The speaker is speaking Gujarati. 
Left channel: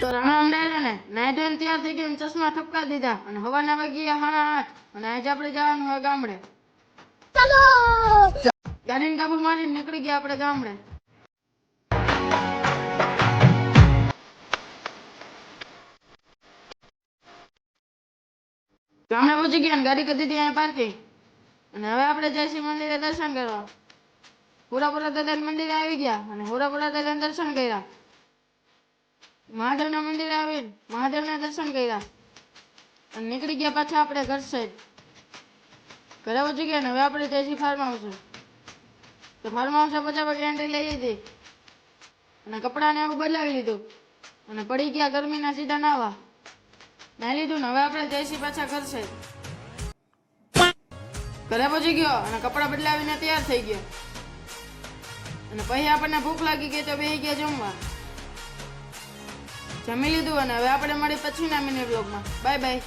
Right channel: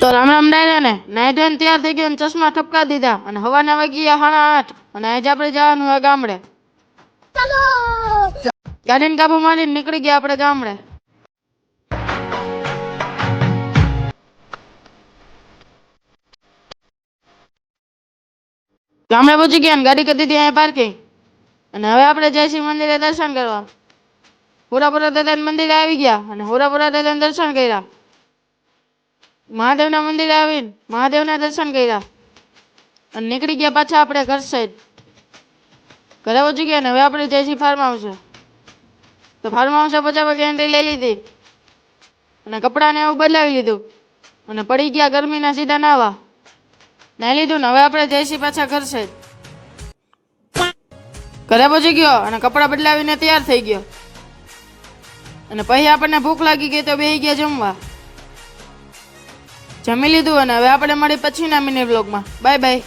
તો રામ રામ ડાયરા ને નાઈ ધોઈને તૈયાર થઈ ગયો, ચશ્મા ઠપકા દીધા અને હવાના વાગ્યા 8:30 અને આજે આપણે જવાનું હોય ગામડે. ચાલો ગાડીને કાબુ મારીને નીકળી ગયા આપણે ગામડે. ગામડે પહોંચી ગયા ને ગાડી કરી દીધી અહીંયા પાર્કિંગ અને હવે આપણે જયસિંહ મંદિરે દર્શન કરવા. હોરાપુરા દાદાના મંદિરે આવી ગયા અને હોરાપુરા દાદાના દર્શન કર્યા. મહાદેવના મંદિરે આવીને મહાદેવના દર્શન કર્યા અને નીકળી ગયા પાછા આપણે ઘર સાઈડ. ઘરે પહોંચી ગયા ને હવે આપણે જયસિંહ ફાર્મ હાઉસે. તો ફાર્મ હાઉસે પહોંચ્યા પછી એન્ટ્રી લઈ લીધી અને કપડાને એવું બદલાવી લીધું અને પડી ગયા ગરમીના સીધા નાવા. નાહી લીધું ને હવે આપણે જયસિંહ પાછા ઘર સાઈડ. ઘરે પહોંચી ગયો અને કપડાં બદલાવીને તૈયાર થઈ ગયો અને પછી આપણને ભૂખ લાગી ગઈ તો બેસી ગયા જમવા. જમી લીધું અને હવે આપણે મળી પછીના મિની બ્લોગમાં. Bye bye.